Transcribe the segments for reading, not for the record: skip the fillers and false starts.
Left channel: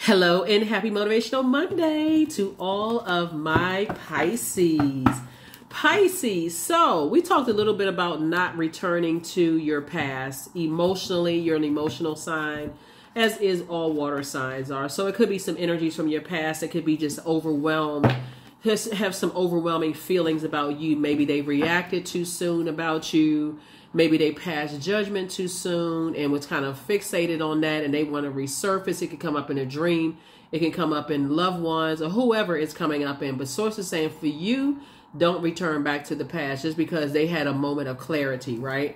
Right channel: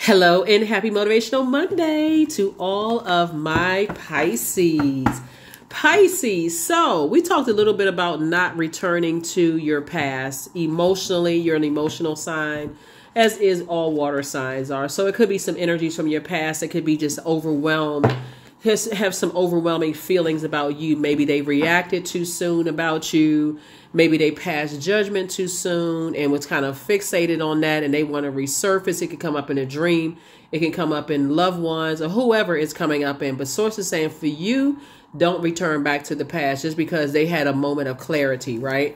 Hello and happy Motivational Monday to all of my Pisces. Pisces, so we talked a little bit about not returning to your past. Emotionally, you're an emotional sign, as is all water signs are. So it could be some energies from your past. It could be just overwhelmed. Have some overwhelming feelings about you. Maybe they reacted too soon about you. Maybe they passed judgment too soon and was kind of fixated on that and they want to resurface. It could come up in a dream. It can come up in loved ones or whoever it's coming up in. But source is saying for you, don't return back to the past just because they had a moment of clarity, right?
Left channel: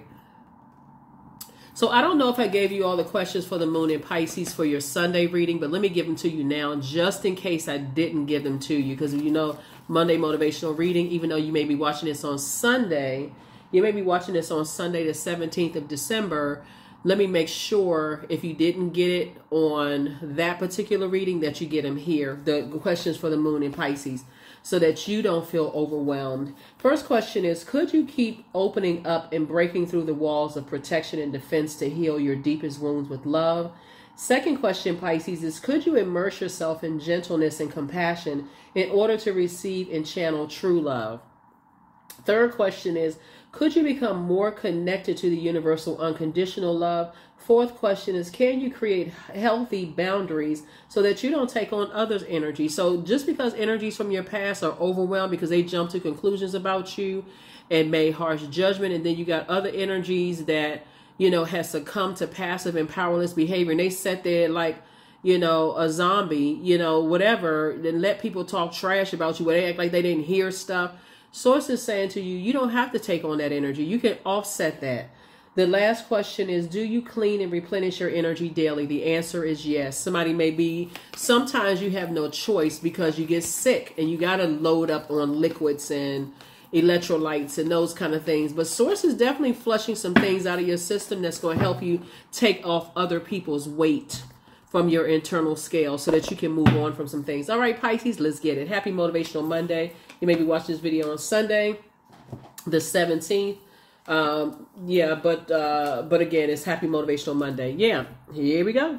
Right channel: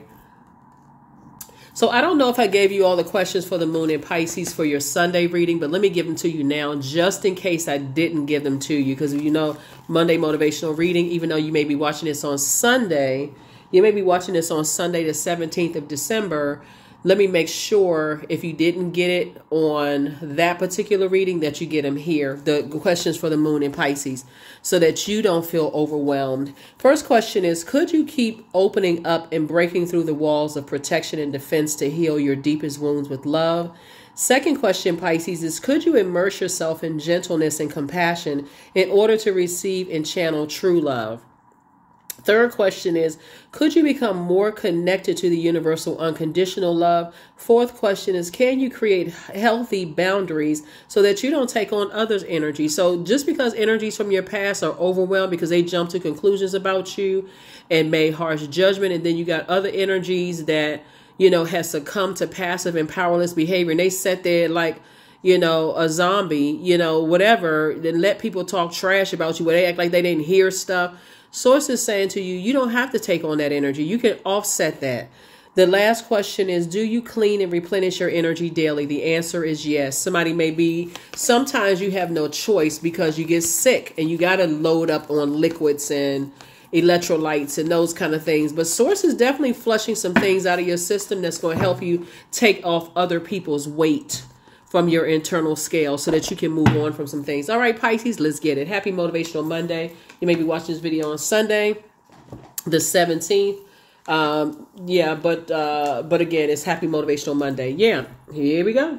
So I don't know if I gave you all the questions for the moon in Pisces for your Sunday reading, but let me give them to you now just in case I didn't give them to you. Because you know, Monday motivational reading, even though you may be watching this on Sunday, you may be watching this on Sunday, the 17th of December. Let me make sure if you didn't get it on that particular reading that you get them here, the questions for the moon in Pisces, so that you don't feel overwhelmed. First question is, could you keep opening up and breaking through the walls of protection and defense to heal your deepest wounds with love? Second question, Pisces, is could you immerse yourself in gentleness and compassion in order to receive and channel true love? Third question is, could you become more connected to the universal unconditional love? Fourth question is, can you create healthy boundaries so that you don't take on others' energy? So just because energies from your past are overwhelmed because they jump to conclusions about you and made harsh judgment, and then you got other energies that, you know, has succumbed to passive and powerless behavior, and they sat there like, you know, a zombie, you know, whatever, then let people talk trash about you where they act like they didn't hear stuff. Source is saying to you, you don't have to take on that energy. You can offset that. The last question is, do you clean and replenish your energy daily? The answer is yes. Somebody may be, sometimes you have no choice because you get sick and you got to load up on liquids and electrolytes and those kind of things. But source is definitely flushing some things out of your system that's going to help you take off other people's weight from your internal scale so that you can move on from some things. All right, Pisces, let's get it. Happy Motivational Monday. You may be watching this video on Sunday, the 17th. But again, it's Happy Motivational Monday. Yeah, here we go.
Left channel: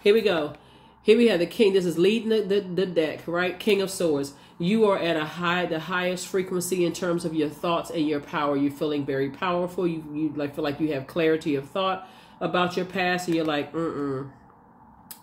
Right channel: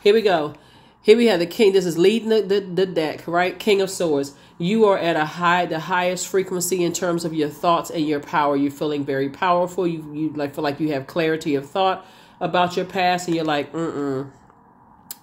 Here we go. Here we have the King. This is leading the deck, right? King of Swords. You are at the highest frequency in terms of your thoughts and your power. You're feeling very powerful. You feel like you have clarity of thought about your past, and you're like,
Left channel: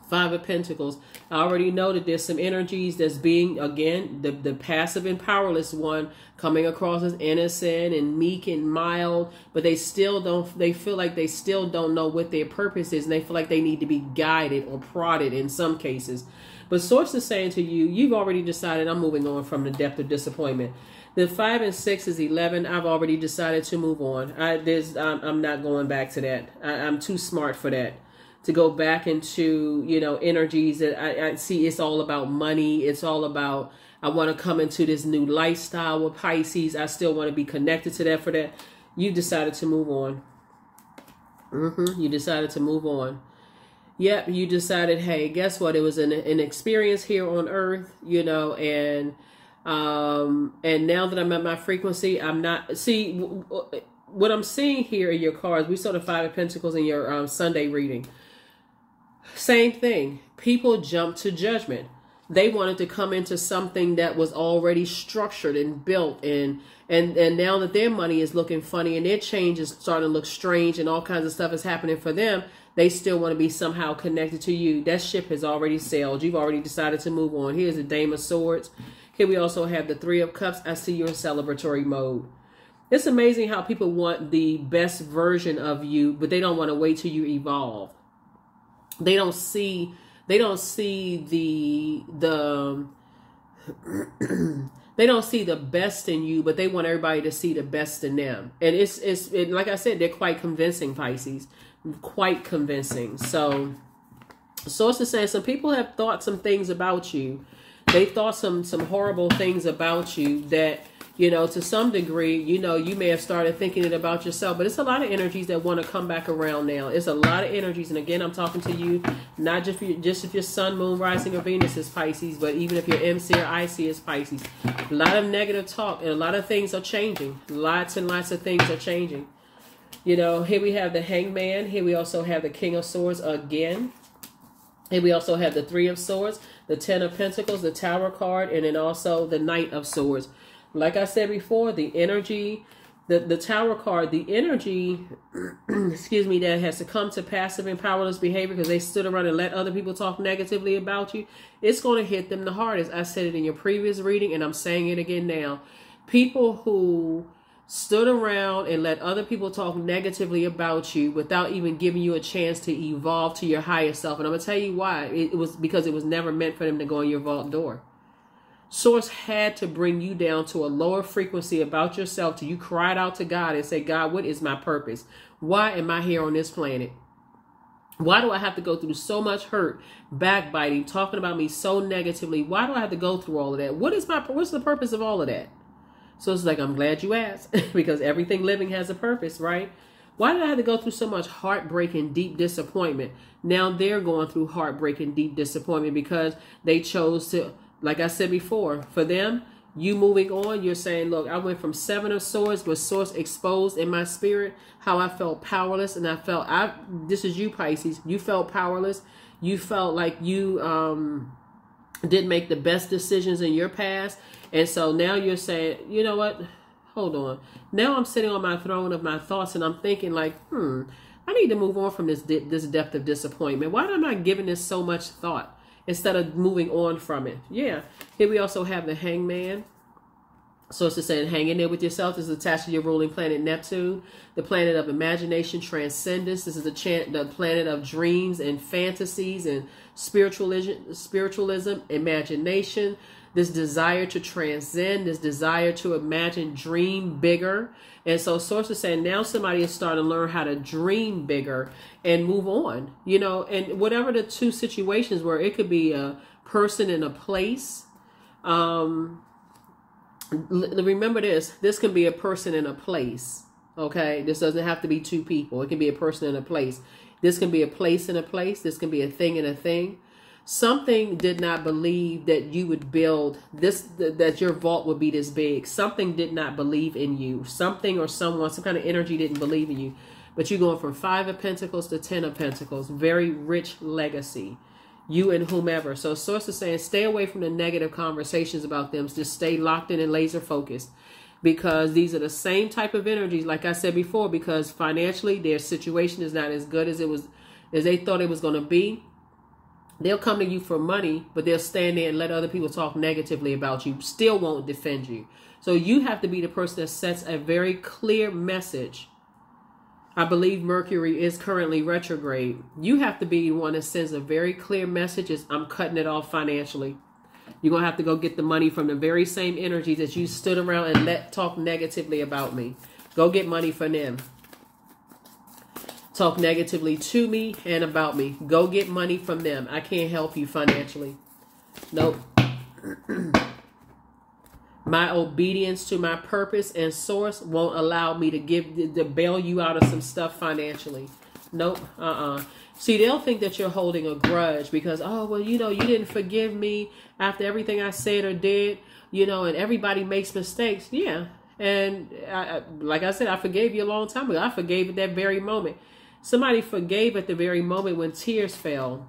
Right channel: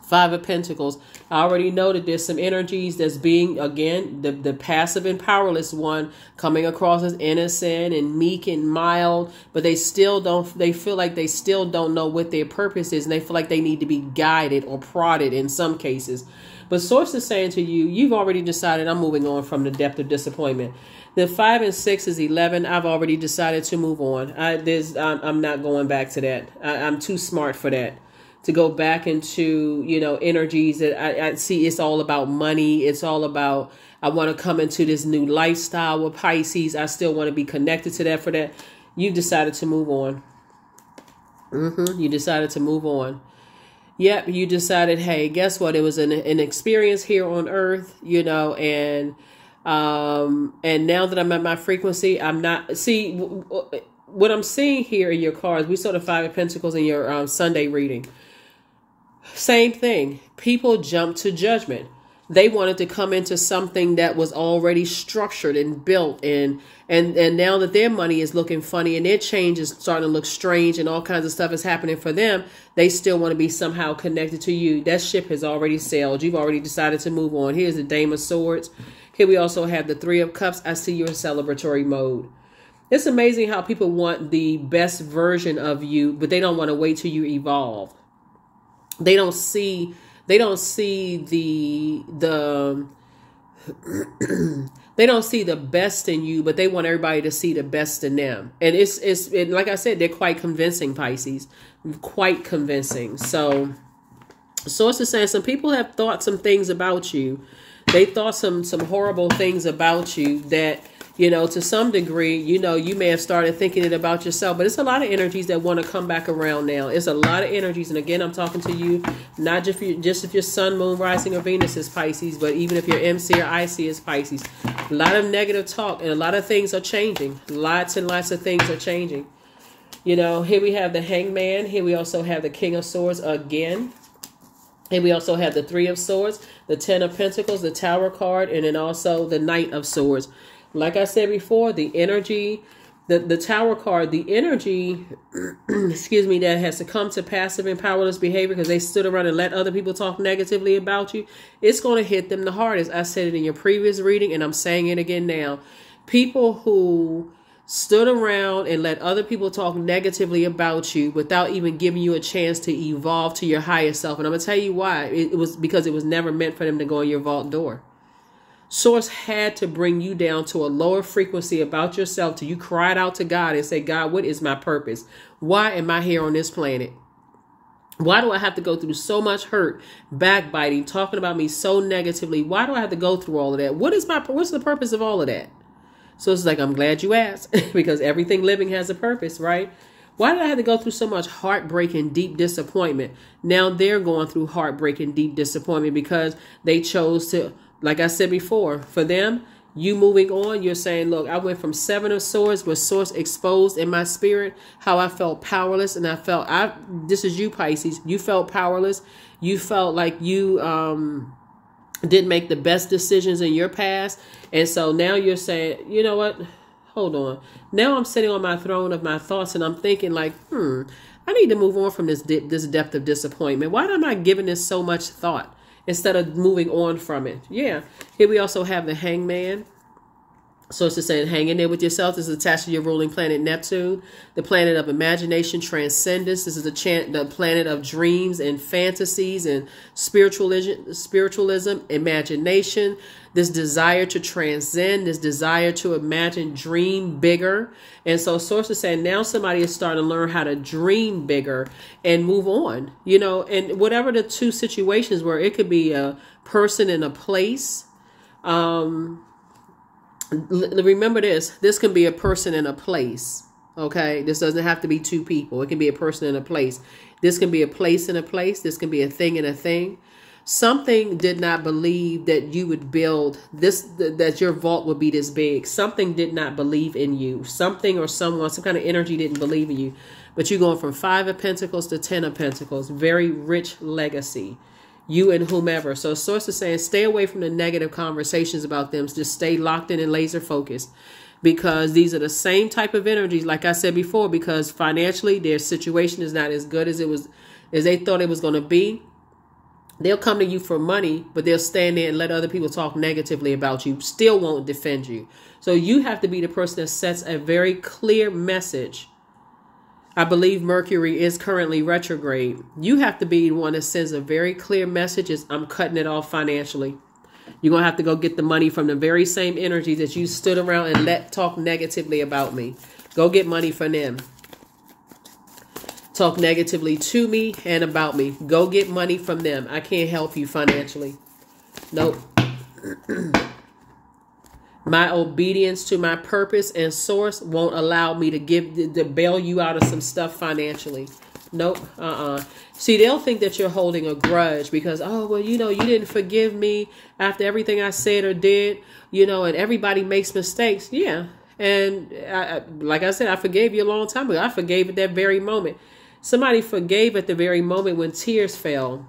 Five of Pentacles. I already know that there's some energies that's being, again, the passive and powerless one coming across as innocent and meek and mild, but they feel like they still don't know what their purpose is, and they feel like they need to be guided or prodded in some cases. But Source is saying to you, you've already decided, I'm moving on from the depth of disappointment. The 5 and 6 is 11. I've already decided to move on. I'm not going back to that. I'm too smart for that. To go back into, you know, energies that I see. It's all about money. It's all about, I want to come into this new lifestyle with Pisces. I still want to be connected to that for that. You've decided to move on. You decided to move on. Yep, you decided, hey, guess what? It was an experience here on Earth, you know, and now that I'm at my frequency, I'm not, see, what I'm seeing here in your cards, we saw the 5 of Pentacles in your Sunday reading. Same thing. People jump to judgment. They wanted to come into something that was already structured and built, and now that their money is looking funny and their change is starting to look strange and all kinds of stuff is happening for them, they still want to be somehow connected to you. That ship has already sailed. You've already decided to move on. Here's the Dame of Swords. Here we also have the 3 of Cups. I see you're in celebratory mode. It's amazing how people want the best version of you, but they don't want to wait till you evolve. They don't see the they don't see the best in you, but they want everybody to see the best in them. And it's like I said, they're quite convincing, Pisces, quite convincing. So Source is saying some people have thought some things about you. They thought some horrible things about you that, you know, to some degree, you know, you may have started thinking it about yourself, but it's a lot of energies that want to come back around now. It's a lot of energies. And again, I'm talking to you, not just if your sun, moon, rising, or Venus is Pisces, but even if your MC or IC is Pisces. A lot of negative talk and a lot of things are changing. Lots and lots of things are changing. You know, here we have the Hangman. Here we also have the King of Swords again. And we also have the Three of Swords, the Ten of Pentacles, the Tower card, and then also the Knight of Swords. Like I said before, the energy, the Tower card, the energy, excuse me, that has succumbed to passive and powerless behavior because they stood around and let other people talk negatively about you, it's going to hit them the hardest. I said it in your previous reading, and I'm saying it again now. People who stood around and let other people talk negatively about you without even giving you a chance to evolve to your higher self. And I'm going to tell you why. It was because it was never meant for them to go in your vault door. Source had to bring you down to a lower frequency about yourself till you cried out to God and said, God, what is my purpose? Why am I here on this planet? Why do I have to go through so much hurt, backbiting, talking about me so negatively? Why do I have to go through all of that? What's the purpose of all of that? So it's like, I'm glad you asked because everything living has a purpose, right? Why did I have to go through so much heartbreak and deep disappointment? Now they're going through heartbreak and deep disappointment because they chose to, like I said before, for them, you moving on, you're saying, look, I went from Seven of Swords with Source exposed in my spirit, how I felt powerless. And I felt, this is you, Pisces, you felt powerless. You felt like you didn't make the best decisions in your past. And so now you're saying, you know what? Hold on. Now I'm sitting on my throne of my thoughts and I'm thinking like, I need to move on from this depth of disappointment. Why am I giving this so much thought instead of moving on from it? Yeah. Here we also have the Hangman. So it's just saying, hang in there with yourself. This is attached to your ruling planet, Neptune, the planet of imagination, transcendence. This is the planet of dreams and fantasies and spiritualism, imagination, this desire to transcend, this desire to imagine, dream bigger. And so Source is saying now somebody is starting to learn how to dream bigger and move on, you know, and whatever the two situations were, it could be a person and a place. Remember this can be a person and a place. Okay. This doesn't have to be two people. It can be a person and a place. This can be a place and a place. This can be a thing and a thing. Something did not believe that you would build this, that your vault would be this big. Something did not believe in you. Something or someone, some kind of energy didn't believe in you. But you're going from 5 of Pentacles to 10 of Pentacles. Very rich legacy. You and whomever. So Source is saying stay away from the negative conversations about them. Just stay locked in and laser focused. Because these are the same type of energies, like I said before, because financially their situation is not as good as they thought it was going to be. They'll come to you for money, but they'll stand there and let other people talk negatively about you. Still won't defend you. So you have to be the person that sets a very clear message. I believe Mercury is currently retrograde. You have to be the one that sends a very clear message is I'm cutting it off financially. You're going to have to go get the money from the very same energy that you stood around and let talk negatively about me. Go get money from them. Talk negatively to me and about me. Go get money from them. I can't help you financially. Nope. My obedience to my purpose and source won't allow me to bail you out of some stuff financially. Nope. See, they'll think that you're holding a grudge because, oh, well, you know, you didn't forgive me after everything I said or did, you know, and everybody makes mistakes. Yeah. And like I said, I forgave you a long time ago. I forgave at that very moment. Somebody forgave at the very moment when tears fell.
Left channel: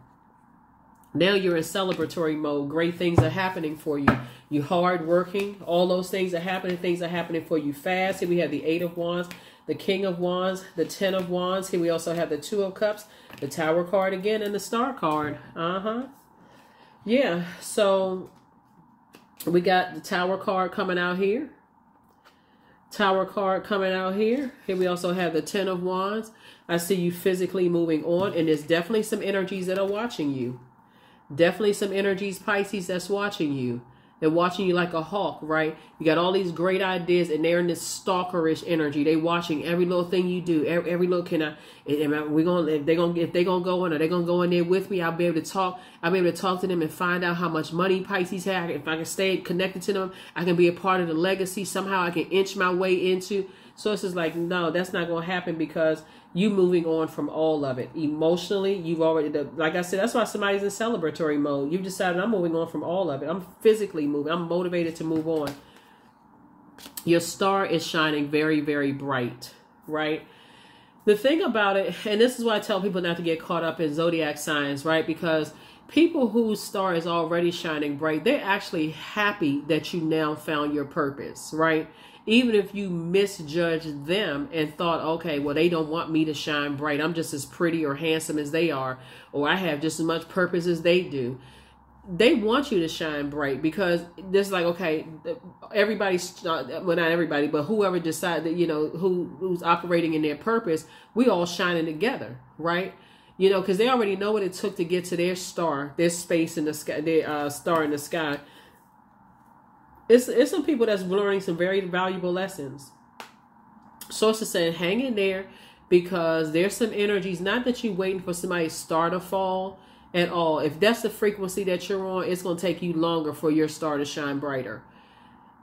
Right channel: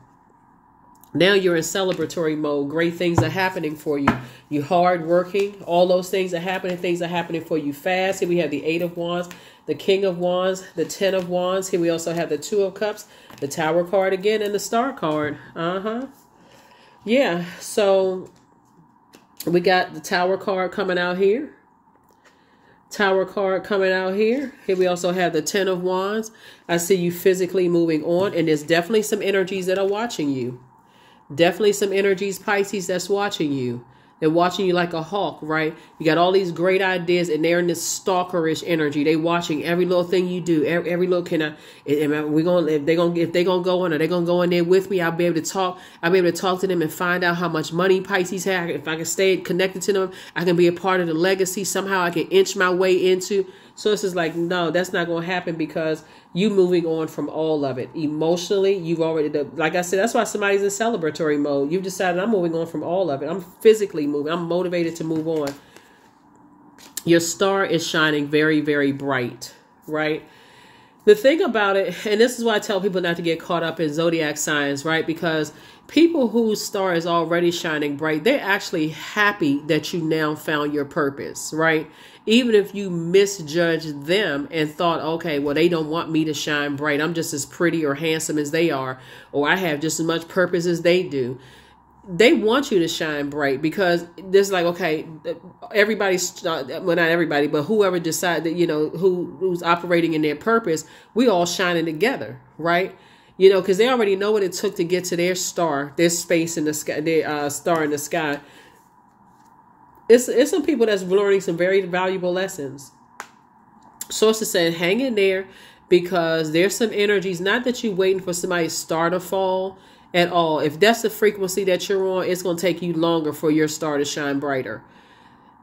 Now you're in celebratory mode. Great things are happening for you. You're hardworking. All those things are happening. Things are happening for you fast. Here we have the 8 of Wands, the King of Wands, the 10 of Wands. Here we also have the 2 of Cups, the Tower card again, and the Star card. Yeah, so we got the Tower card coming out here. Tower card coming out here. Here we also have the 10 of Wands. I see you physically moving on, and there's definitely some energies that are watching you. Definitely some energies, Pisces, that's watching you. They're watching you like a hawk, right? You got all these great ideas, and they're in this stalkerish energy. They watching every little thing you do. Every little if they're gonna go in, are they gonna go in there with me? I'll be able to talk. I'll be able to talk to them and find out how much money Pisces have. If I can stay connected to them, I can be a part of the legacy. Somehow I can inch my way into. So it's just like, no, that's not gonna happen because you moving on from all of it. Emotionally, you've already, like I said, that's why somebody's in celebratory mode. You've decided I'm moving on from all of it. I'm physically moving. I'm motivated to move on. Your star is shining very, very bright, right? The thing about it, and this is why I tell people not to get caught up in zodiac signs, right? Because people whose star is already shining bright, they're actually happy that you now found your purpose, right? Even if you misjudged them and thought, okay, well, they don't want me to shine bright. I'm just as pretty or handsome as they are, or I have just as much purpose as they do. They want you to shine bright because there's like, okay, everybody's, well, not everybody, but whoever decides that, you know, who's operating in their purpose, we all shining together, right? You know, because they already know what it took to get to their star, their space in the sky, their star in the sky. It's some people that's learning some very valuable lessons. Sources saying, hang in there because there's some energies, not that you're waiting for somebody's star to fall at all. If that's the frequency that you're on, it's going to take you longer for your star to shine brighter.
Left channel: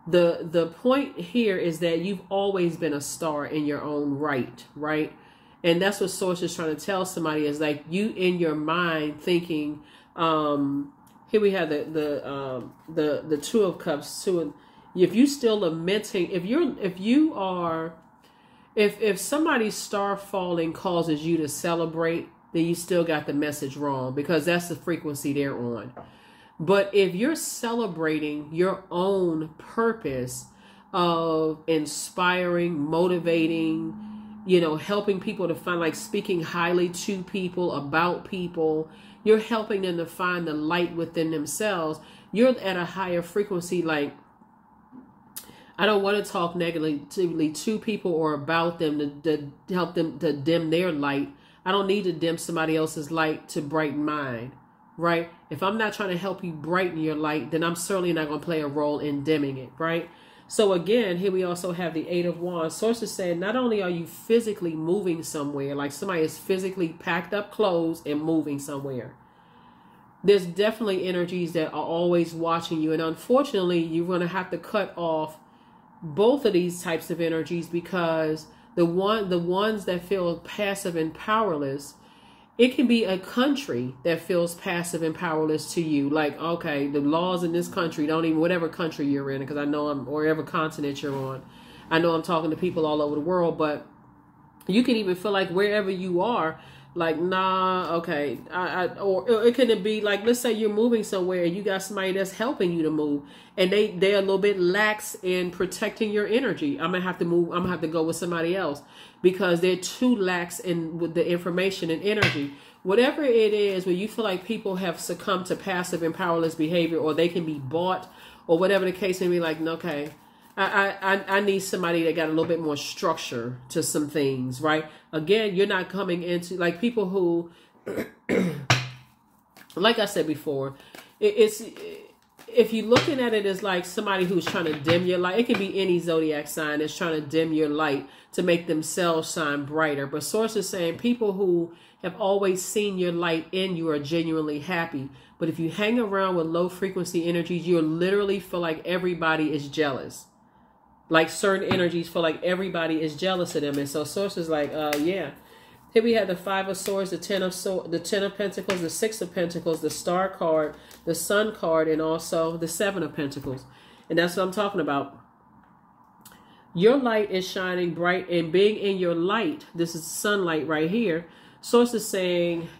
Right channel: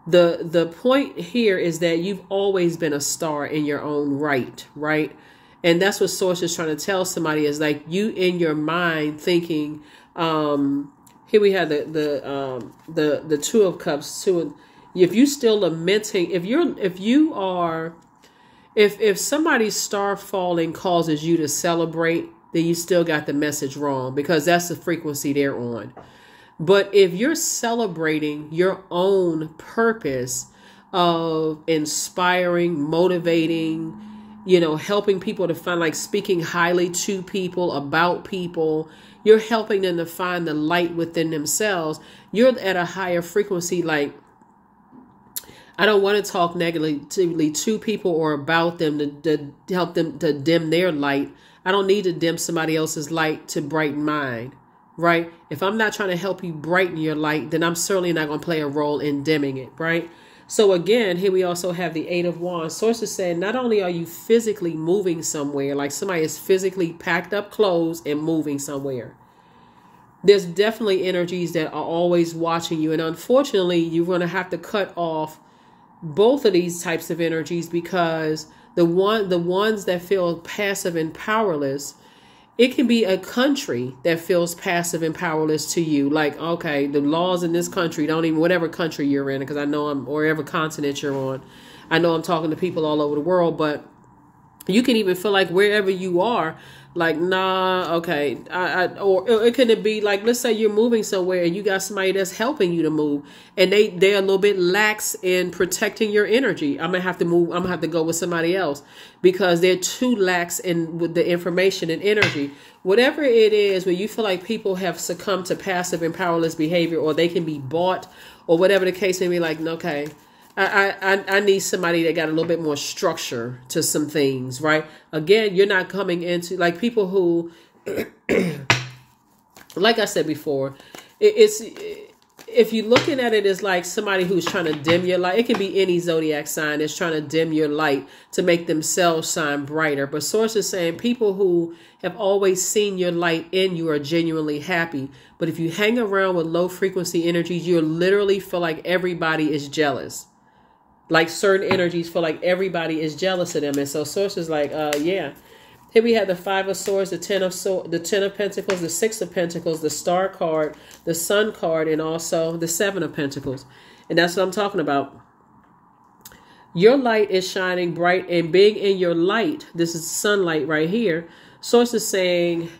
The point here is that you've always been a star in your own right, right? And that's what Source is trying to tell somebody is like you in your mind thinking, here we have the Two of Cups too. If you still lamenting, if somebody's star falling causes you to celebrate, then you still got the message wrong because that's the frequency they're on. But if you're celebrating your own purpose of inspiring, motivating, you know, helping people to find, like speaking highly to people, about people, you're helping them to find the light within themselves. You're at a higher frequency. Like, I don't want to talk negatively to people or about them to help them to dim their light. I don't need to dim somebody else's light to brighten mine, right? If I'm not trying to help you brighten your light, then I'm certainly not going to play a role in dimming it, right? So again, here we also have the Eight of Wands. Sources saying not only are you physically moving somewhere, like somebody is physically packed up clothes and moving somewhere. There's definitely energies that are always watching you. And unfortunately, you're going to have to cut off both of these types of energies because the ones that feel passive and powerless, it can be a country that feels passive and powerless to you. Like, okay, the laws in this country don't even, whatever country you're in, because I know or whatever continent you're on. I know I'm talking to people all over the world, but you can even feel like wherever you are, like, nah, okay. Or it could be like, let's say you're moving somewhere and you got somebody that's helping you to move and they're a little bit lax in protecting your energy. I'm going to have to move. I'm going to have to go with somebody else because they're too lax with the information and energy. Whatever it is, where you feel like people have succumbed to passive and powerless behavior or they can be bought or whatever the case may be, like, okay, I need somebody that got a little bit more structure to some things, right? Again, you're not coming into like people who, like I said before, if you're looking at it as like somebody who's trying to dim your light, it can be any zodiac sign that's trying to dim your light to make themselves shine brighter. But Source is saying people who have always seen your light in you are genuinely happy. But if you hang around with low frequency energies, you literally feel like everybody is jealous. Like certain energies feel like everybody is jealous of them. And so Source is like, yeah. Here we have the Five of Swords, the Ten of Pentacles, the Six of Pentacles, the Star card, the Sun card, and also the Seven of Pentacles. And that's what I'm talking about. Your light is shining bright, and being in your light, this is sunlight right here. Source is saying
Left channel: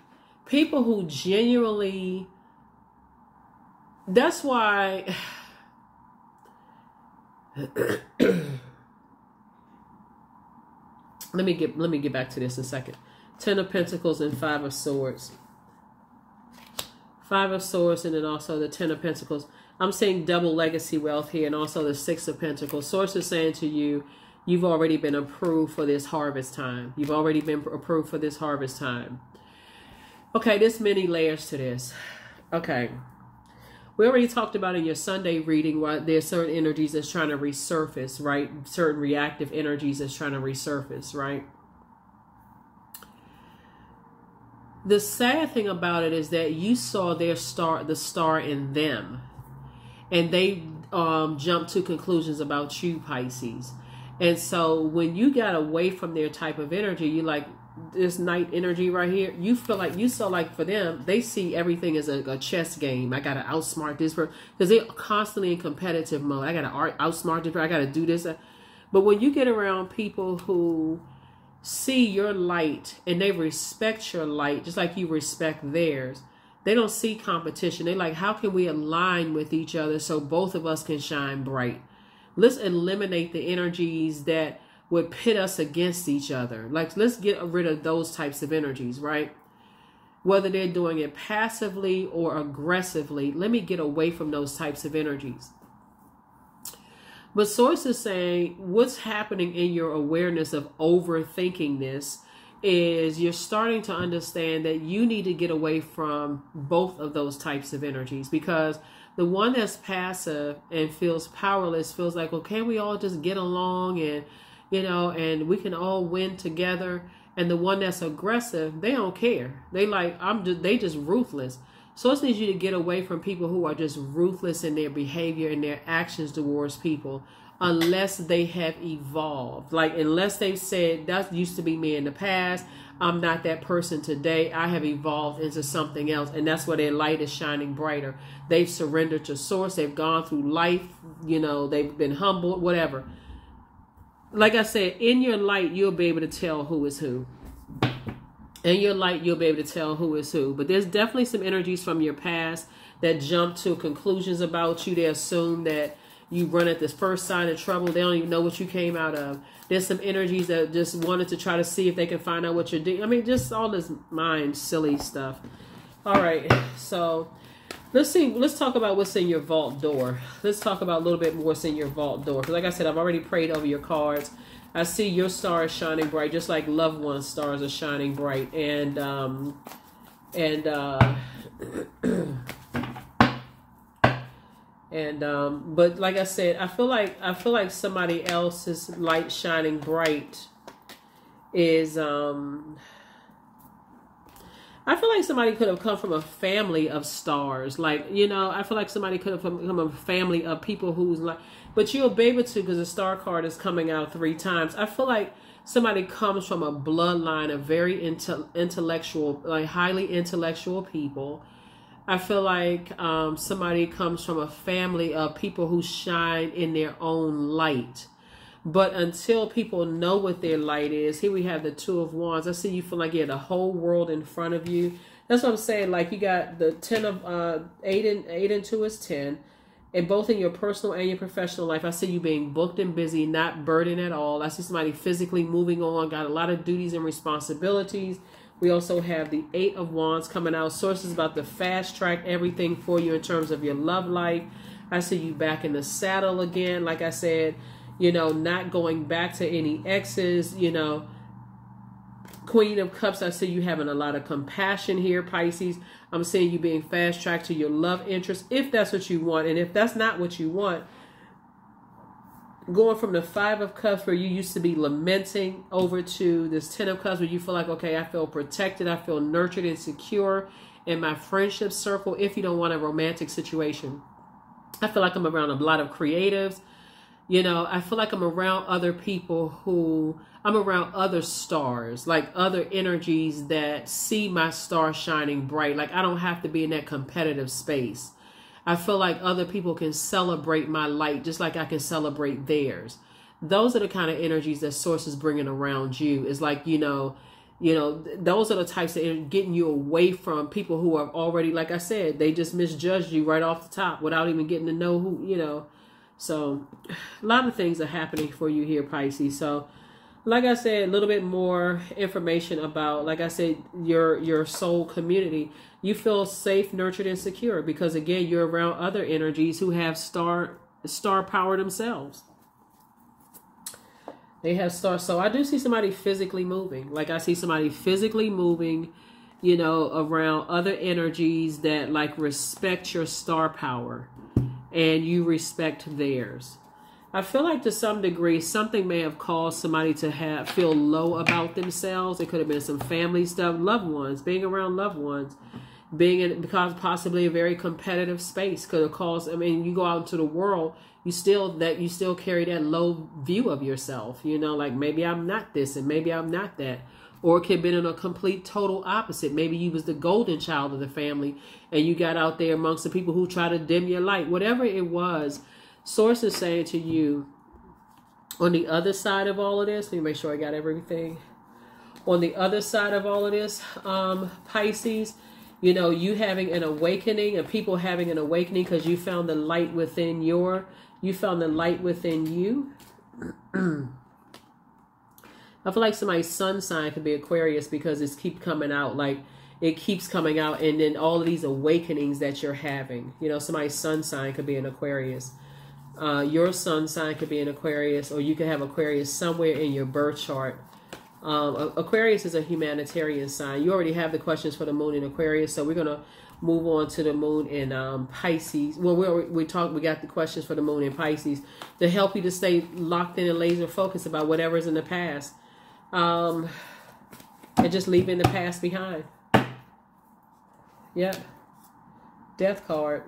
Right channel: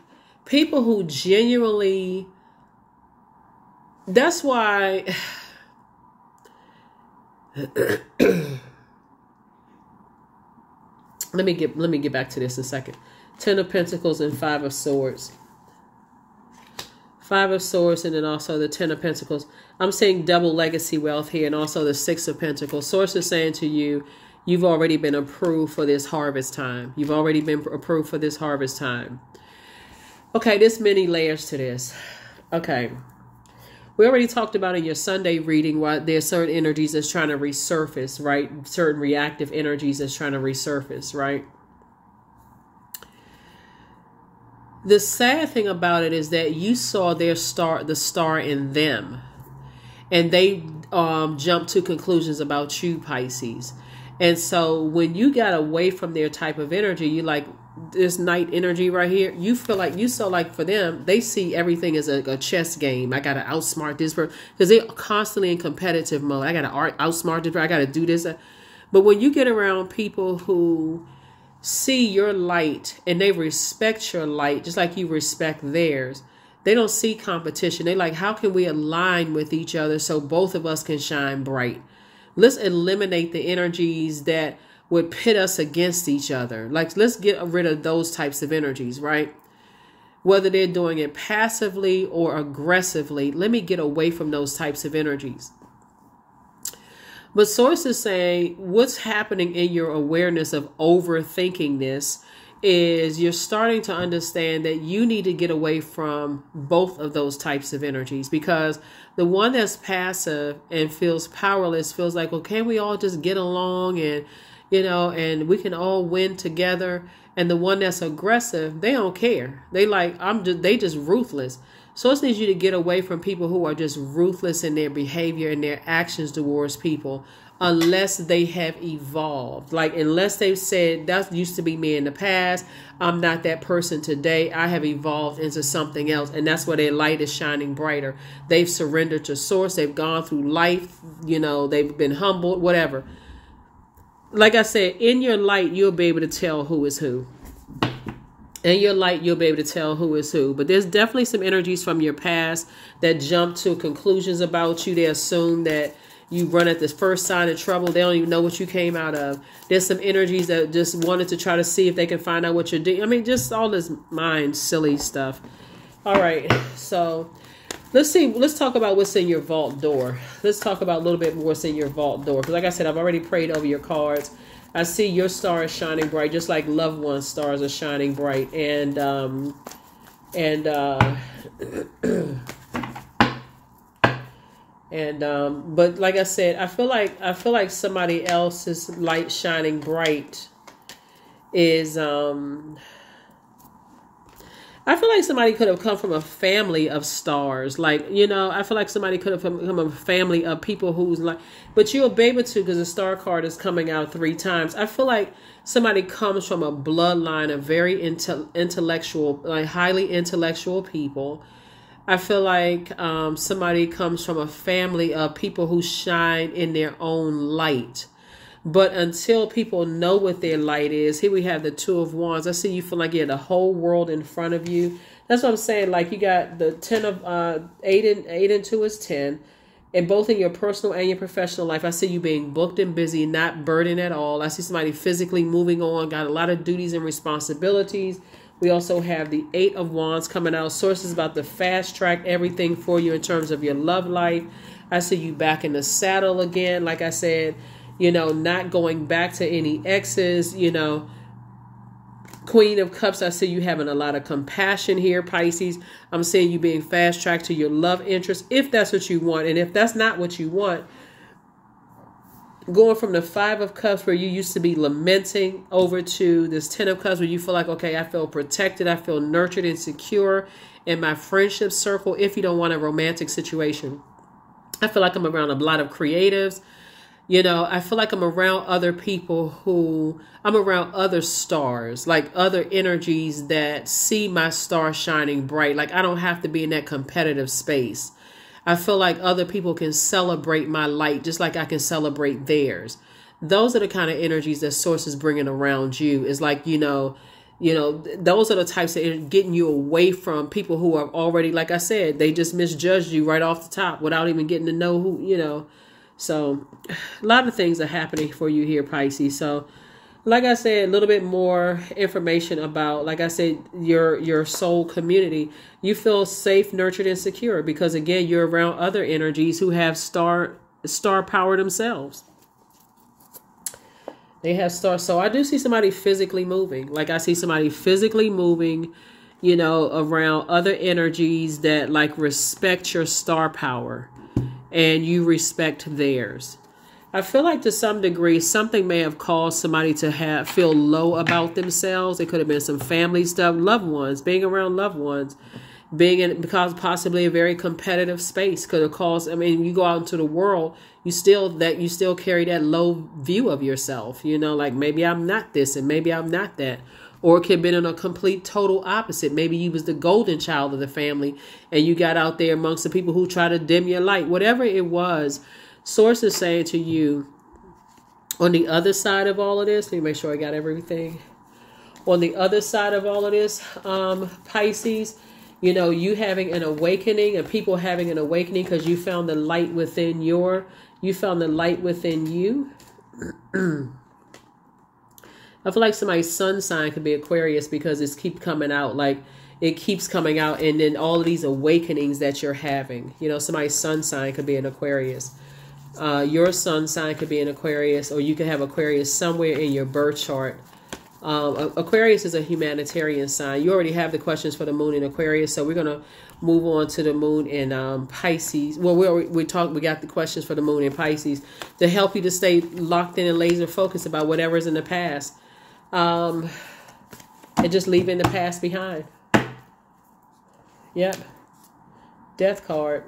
people who genuinely, that's why... Let me get back to this in a second. Ten of Pentacles and Five of Swords. Five of Swords and then also the Ten of Pentacles. I'm saying double legacy wealth here and also the Six of Pentacles. Source is saying to you, you've already been approved for this harvest time. You've already been approved for this harvest time. Okay, there's many layers to this. Okay. We already talked about in your Sunday reading why there's certain energies that's trying to resurface, right? Certain reactive energies that's trying to resurface, right? The sad thing about it is that you saw the star in them. And they jumped to conclusions about you, Pisces. And so when you got away from their type of energy, you like, this night energy right here, you feel like you saw like for them, they see everything as a chess game. I got to outsmart this person because they're constantly in competitive mode. I got to outsmart this person. I got to do this. But when you get around people who see your light and they respect your light just like you respect theirs. They don't see competition. They like, how can we align with each other so both of us can shine bright? Let's eliminate the energies that would pit us against each other. Like, let's get rid of those types of energies, right? Whether they're doing it passively or aggressively, let me get away from those types of energies. But source is saying what's happening in your awareness of overthinking this is you're starting to understand that you need to get away from both of those types of energies, because the one that's passive and feels powerless feels like, well, can't we all just get along and, and we can all win together? And the one that's aggressive, they don't care. They like, they just ruthless. So it needs you to get away from people who are just ruthless in their behavior and their actions towards people, unless they have evolved. Like, unless they've said, that used to be me in the past, I'm not that person today, I have evolved into something else. And that's where their light is shining brighter. They've surrendered to source. They've gone through life. They've been humbled, whatever. Like I said, in your light, you'll be able to tell who is who. In your light, you'll be able to tell who is who. But there's definitely some energies from your past that jump to conclusions about you. They assume that you run at the first sign of trouble. They don't even know what you came out of. There's some energies that just wanted to try to see if they can find out what you're doing. I mean, just all this mind silly stuff. All right. So let's see. Let's talk about what's in your vault door. Let's talk about a little bit more what's in your vault door. Because like I said, I've already prayed over your cards. I see your star is shining bright, just like loved ones' stars are shining bright. But like I said, I feel like somebody else's light shining bright is, I feel like somebody could have come from a family of stars. Like, I feel like somebody could have come from a family of people who's like, but you'll be able to, because the star card is coming out 3 times. I feel like somebody comes from a bloodline of very intellectual, like highly intellectual people. I feel like somebody comes from a family of people who shine in their own light. But until people know what their light is, here we have the 2 of Wands. I see you feel like you have the whole world in front of you. That's what I'm saying. Like, you got the 10 of 8 and 2 is 10. And both in your personal and your professional life, I see you being booked and busy, not burdened at all. I see somebody physically moving on, got a lot of duties and responsibilities. We also have the 8 of Wands coming out. Source is about to fast track everything for you in terms of your love life. I see you back in the saddle again. Like I said, not going back to any exes, Queen of Cups, I see you having a lot of compassion here, Pisces. I'm seeing you being fast-tracked to your love interest, if that's what you want. And if that's not what you want, going from the 5 of Cups, where you used to be lamenting, over to this 10 of Cups, where you feel like, okay, I feel protected, I feel nurtured and secure in my friendship circle, if you don't want a romantic situation. I feel like I'm around a lot of creatives. I feel like I'm around other people I'm around other stars, like other energies that see my star shining bright. Like, I don't have to be in that competitive space. I feel like other people can celebrate my light just like I can celebrate theirs. Those are the kind of energies that Source is bringing around you. Is like, those are the types of getting you away from people who are already, like I said, they just misjudged you right off the top without even getting to know who, So a lot of things are happening for you here, Pisces. So like I said, a little bit more information about, like I said, your soul community. You feel safe, nurtured, and secure because, again, you're around other energies who have star power themselves. They have stars. So I do see somebody physically moving. Like, I see somebody physically moving, around other energies that like respect your star power and you respect theirs. I feel like to some degree, something may have caused somebody to feel low about themselves. It could have been some family stuff, loved ones, being around loved ones, being in because possibly a very competitive space could have caused. I mean, you go out into the world, you still carry that low view of yourself. Like, maybe I'm not this and maybe I'm not that. Or it could have been in a complete total opposite. Maybe you was the golden child of the family and you got out there amongst the people who try to dim your light. Whatever it was, Source is saying to you, on the other side of all of this, let me make sure I got everything. On the other side of all of this, Pisces, you know, you having an awakening and people having an awakening because you found the light within you found the light within you. I feel like somebody's sun sign could be Aquarius because it's keep coming out. Like it keeps coming out. And then all of these awakenings that you're having, you know, somebody's sun sign could be an Aquarius. Your sun sign could be an Aquarius, or you could have Aquarius somewhere in your birth chart. Aquarius is a humanitarian sign. You already have the questions for the moon in Aquarius. So we're going to move on to the moon in Pisces. Well, we got the questions for the moon in Pisces to help you to stay locked in and laser focused about whatever's in the past. And just leaving the past behind. Yep. Death card.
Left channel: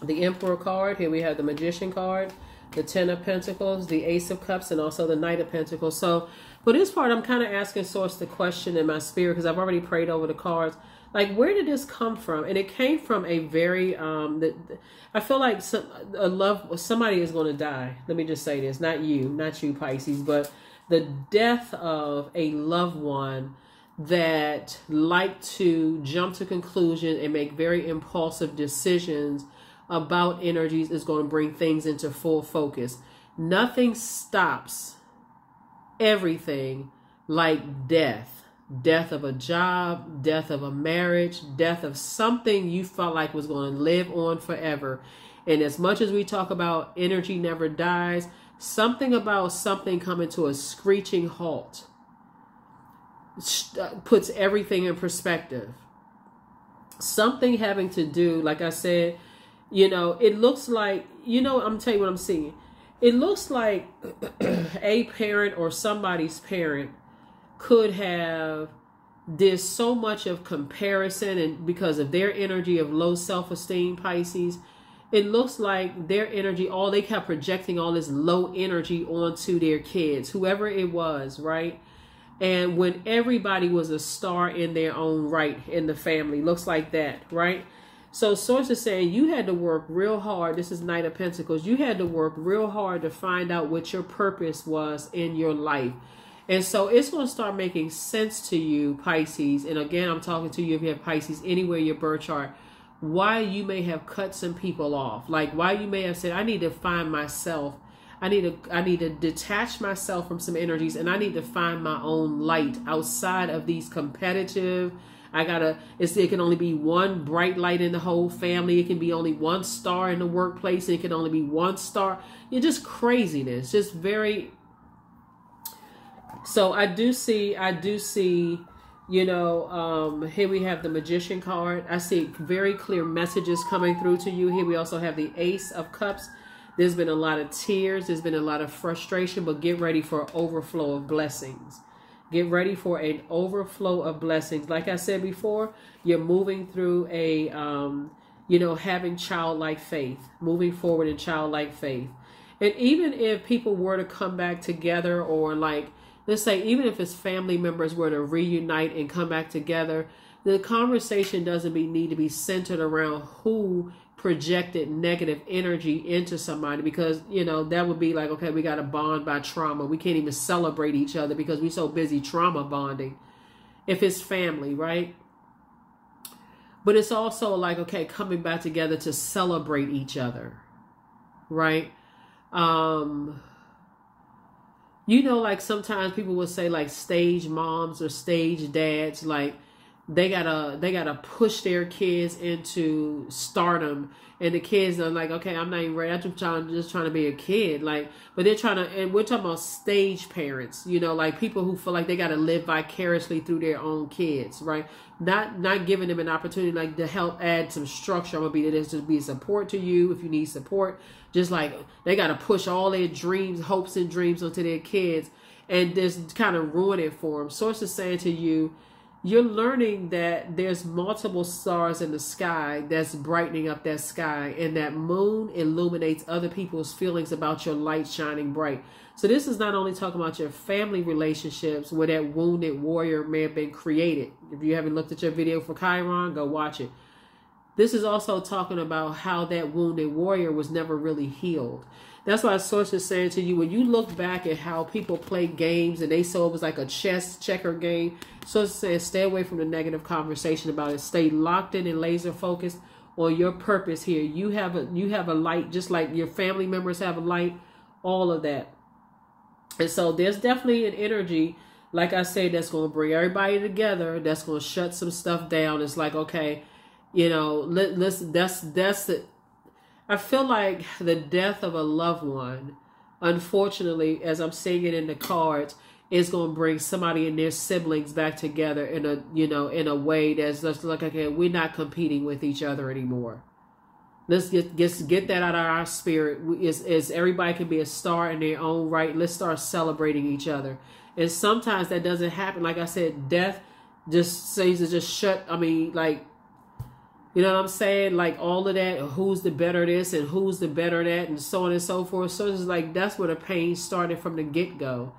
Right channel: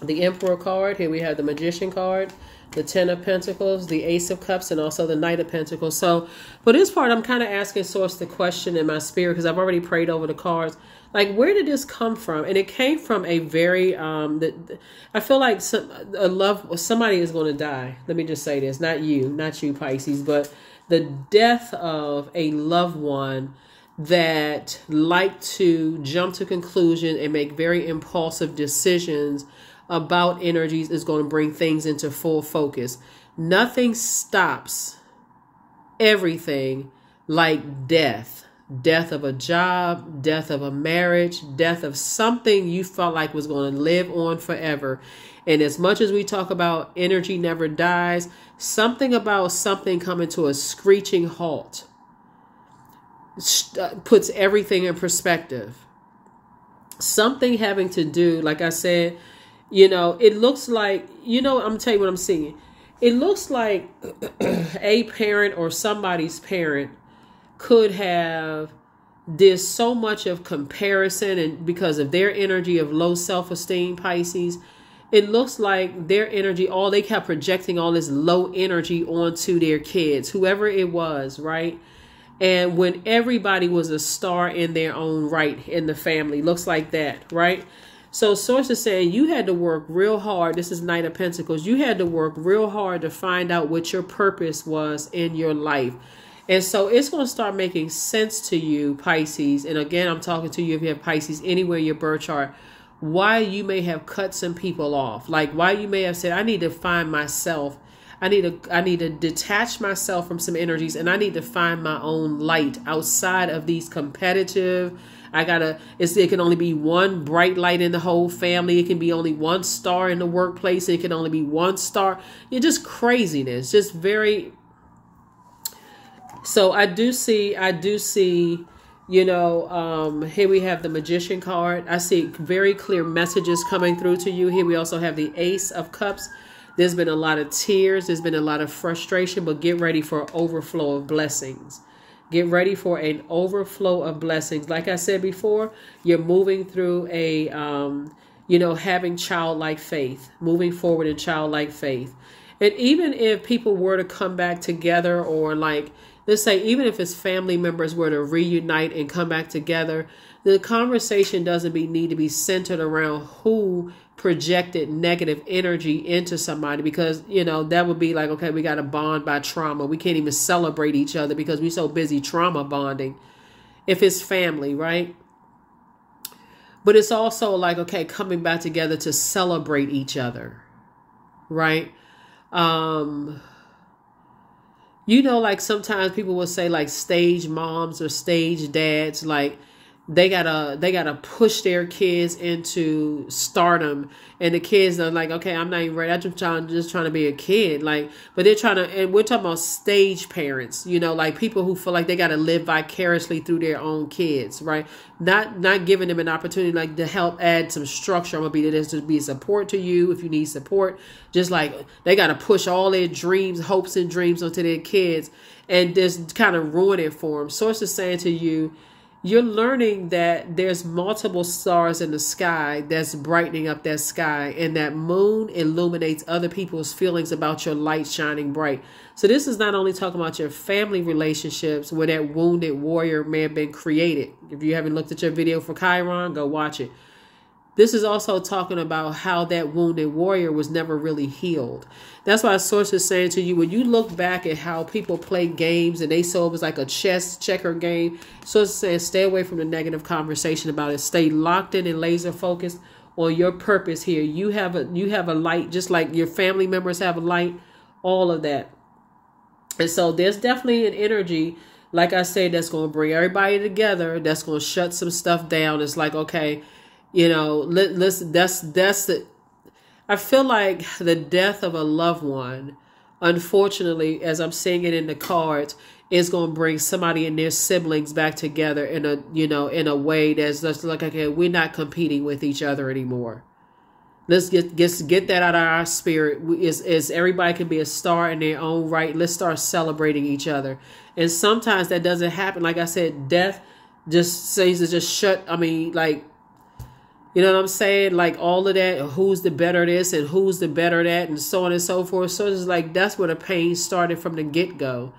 The Emperor card. Here we have the Magician card, the Ten of Pentacles, the Ace of Cups, and also the Knight of Pentacles. So for this part, I'm kind of asking Source the question in my spirit because I've already prayed over the cards. Like, where did this come from? And it came from a very, I feel like somebody is going to die. Let me just say this. Not you, Pisces, but the death of a loved one that liked to jump to conclusion and make very impulsive decisions about energies is going to bring things into full focus. Nothing stops everything like death. Death of a job, death of a marriage, death of something you felt like was going to live on forever. And as much as we talk about energy never dies, something about something coming to a screeching halt puts everything in perspective. Something having to do, like I said, you know, it looks like, you know, I'm telling you what I'm seeing. It looks like a parent or somebody's parent could have did so much of comparison, and because of their energy of low self-esteem, Pisces, it looks like their energy, they kept projecting all this low energy onto their kids, whoever it was, right? And when everybody was a star in their own right in the family, looks like that, right? So Source is saying you had to work real hard. This is Knight of Pentacles. You had to work real hard to find out what your purpose was in your life. And so it's going to start making sense to you, Pisces. And again, I'm talking to you if you have Pisces anywhere in your birth chart, why you may have cut some people off. Like why you may have said, I need to find myself. I need to detach myself from some energies, and I need to find my own light outside of these competitive. It can only be one bright light in the whole family. It can be only one star in the workplace. It can only be one star. It's just craziness. Just very. So I do see, you know, here we have the Magician card. I see very clear messages coming through to you. Here we also have the Ace of Cups. There's been a lot of tears. There's been a lot of frustration, but get ready for an overflow of blessings. Get ready for an overflow of blessings. Like I said before, you're moving through a, you know, having childlike faith, moving forward in childlike faith. And even if people were to come back together, or like, let's say, even if it's family members were to reunite and come back together, the conversation doesn't need to be centered around who projected negative energy into somebody, because, you know, that would be like, okay, we got to bond by trauma. We can't even celebrate each other because we're so busy trauma bonding if it's family, right? But it's also like, okay, coming back together to celebrate each other, right? You know, like sometimes people will say like stage moms or stage dads, like they gotta push their kids into stardom, and the kids are like, okay, I'm not even ready. I'm just trying to be a kid, like, but they're trying to, and we're talking about stage parents, you know, like people who feel like they got to live vicariously through their own kids, right? Not giving them an opportunity like to help add some structure. I'm gonna be there to be support to you if you need support. Just like they got to push all their dreams, hopes, and dreams onto their kids, and just kind of ruin it for them. Source is saying to you, you're learning that there's multiple stars in the sky that's brightening up that sky, and that moon illuminates other people's feelings about your light shining bright. So this is not only talking about your family relationships where that wounded warrior may have been created. If you haven't looked at your video for Chiron, go watch it. This is also talking about how that wounded warrior was never really healed. That's why Source is saying to you, when you look back at how people play games and they saw it was like a chess checker game, Source is saying stay away from the negative conversation about it. Stay locked in and laser focused on your purpose here. You have a light, just like your family members have a light, all of that. And so there's definitely an energy, like I said, that's going to bring everybody together. That's going to shut some stuff down. It's like, okay, you know, that's the, I feel like the death of a loved one, unfortunately, as I'm seeing it in the cards, is going to bring somebody and their siblings back together in a, you know, in a way that's just like, okay, we're not competing with each other anymore. Let's get that out of our spirit. Is everybody can be a star in their own right. Let's start celebrating each other. And sometimes that doesn't happen. Like I said, death just says to just shut. I mean, like, you know what I'm saying? Like all of that, who's the better this and who's the better that, and so on and so forth. So it's like that's where the pain started from the get-go.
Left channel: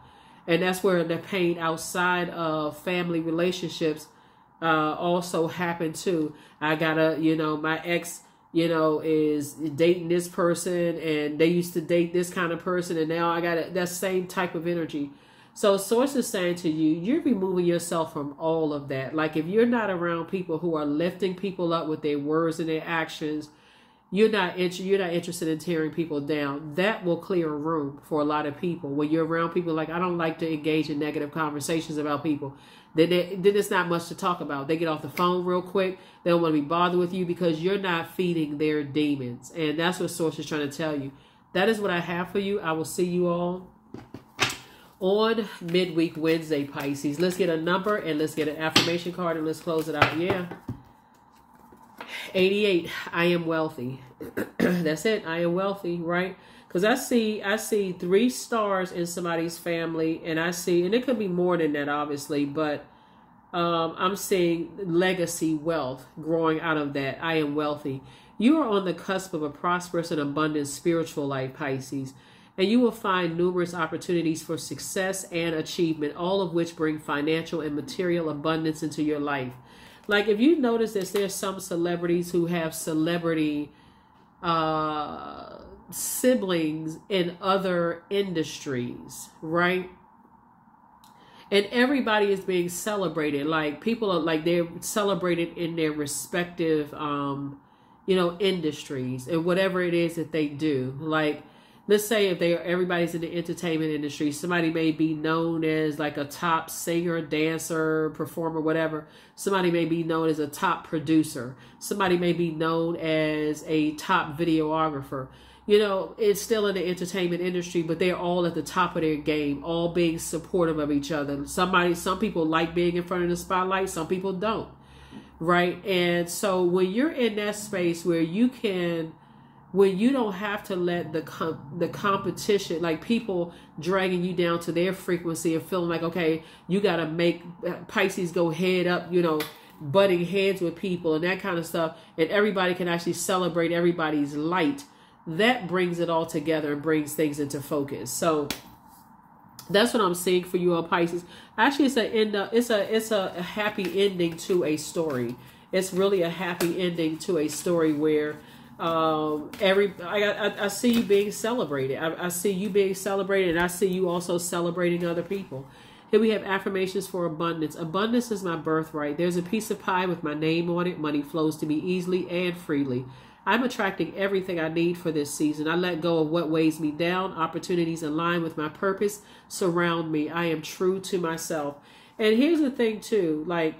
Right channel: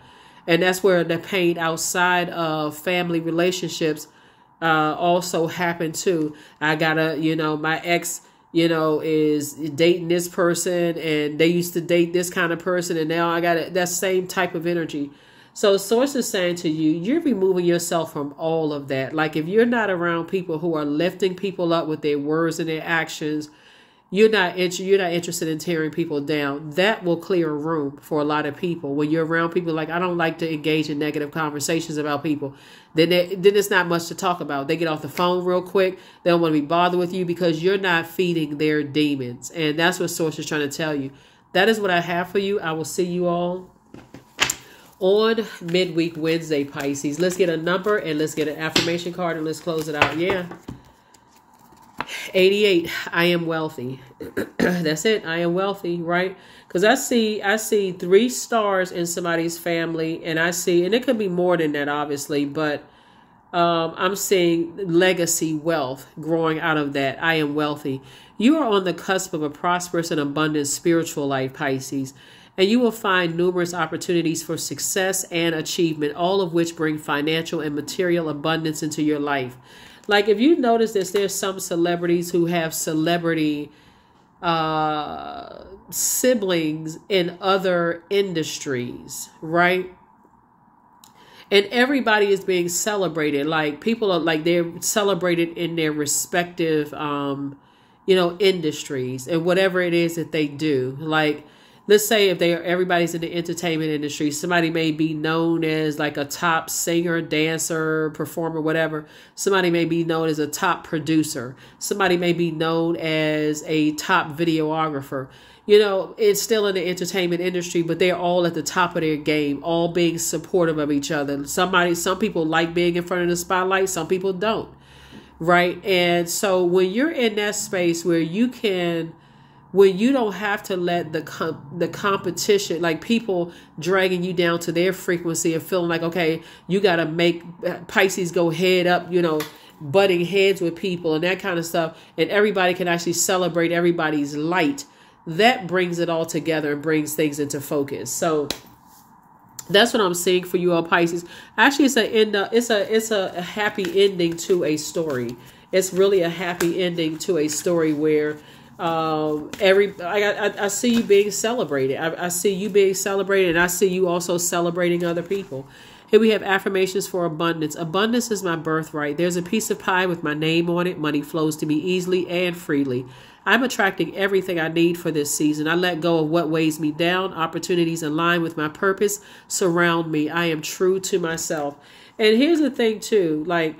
And that's where the pain outside of family relationships also happened too. I gotta, you know, my ex, you know, is dating this person and they used to date this kind of person, and now I got that same type of energy. So Source is saying to you, you're removing yourself from all of that. Like if you're not around people who are lifting people up with their words and their actions, you're not interested in tearing people down. That will clear a room for a lot of people. When you're around people like, I don't like to engage in negative conversations about people, then it's not much to talk about. They get off the phone real quick. They don't want to be bothered with you because you're not feeding their demons. And that's what Source is trying to tell you. That is what I have for you. I will see you all on midweek Wednesday, Pisces. Let's get a number and let's get an affirmation card and let's close it out. Yeah. 88. I am wealthy. That's it. I am wealthy, right? Because I see 3 stars in somebody's family, and I see, and it could be more than that, obviously, but I'm seeing legacy wealth growing out of that. I am wealthy. You are on the cusp of a prosperous and abundant spiritual life, Pisces, and you will find numerous opportunities for success and achievement, all of which bring financial and material abundance into your life. Like if you notice this, there's some celebrities who have celebrity siblings in other industries, right? And everybody is being celebrated. Like people are like, they're celebrated in their respective, you know, industries and whatever it is that they do. Like, let's say if everybody's in the entertainment industry, somebody may be known as like a top singer, dancer, performer, whatever. Somebody may be known as a top producer. Somebody may be known as a top videographer. You know, it's still in the entertainment industry, but they're all at the top of their game, all being supportive of each other. Some people like being in front of the spotlight. Some people don't. Right. And so when you're in that space where you don't have to let the competition, like people dragging you down to their frequency and feeling like, okay, you got to make Pisces go head up, you know, butting heads with people and that kind of stuff. And everybody can actually celebrate everybody's light. That brings it all together and brings things into focus. So that's what I'm seeing for you all, Pisces. Actually, it's a happy ending to a story. It's really a happy ending to a story where I see you being celebrated. I see you being celebrated, and I see you also celebrating other people. Here we have affirmations for abundance. Abundance is my birthright. There's a piece of pie with my name on it. Money flows to me easily and freely. I'm attracting everything I need for this season. I let go of what weighs me down. Opportunities align with my purpose surround me. I am true to myself. And here's the thing too, like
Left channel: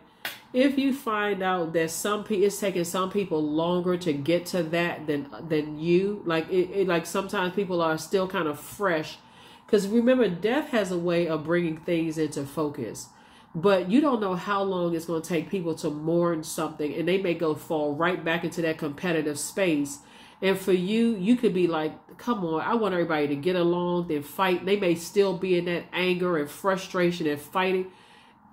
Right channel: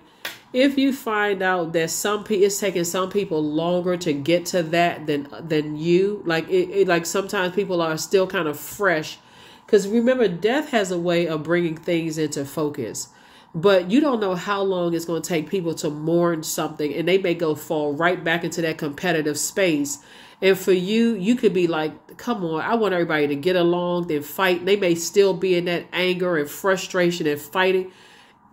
if you find out that it's taking some people longer to get to that than you, like like sometimes people are still kind of fresh, because remember, death has a way of bringing things into focus. But you don't know how long it's going to take people to mourn something, and they may fall right back into that competitive space. And for you, you could be like, come on, I want everybody to get along, then fight. They may still be in that anger and frustration and fighting.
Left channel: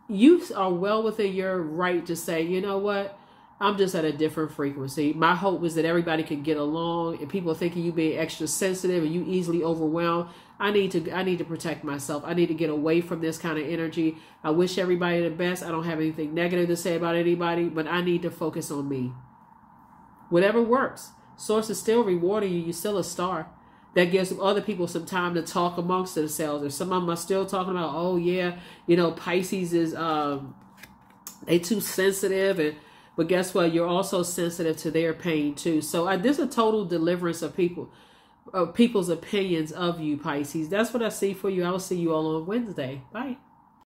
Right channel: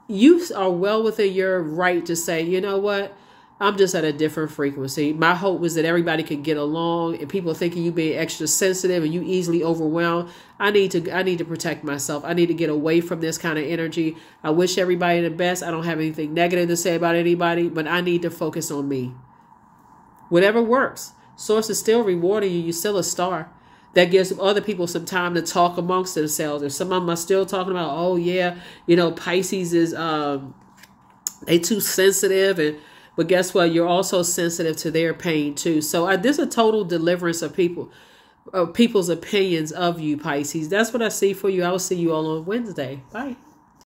You are well within your right to say, you know what? I'm just at a different frequency. My hope was that everybody could get along, and people thinking you being extra sensitive and you easily overwhelmed. I need to protect myself. I need to get away from this kind of energy. I wish everybody the best. I don't have anything negative to say about anybody, but I need to focus on me. Whatever works. Source is still rewarding you. You're still a star. That gives other people some time to talk amongst themselves. If some of them are still talking about, oh yeah, Pisces is they too sensitive, but guess what? You're also sensitive to their pain too. So there's a total deliverance of people's opinions of you, Pisces. That's what I see for you. I will see you all on Wednesday. Bye.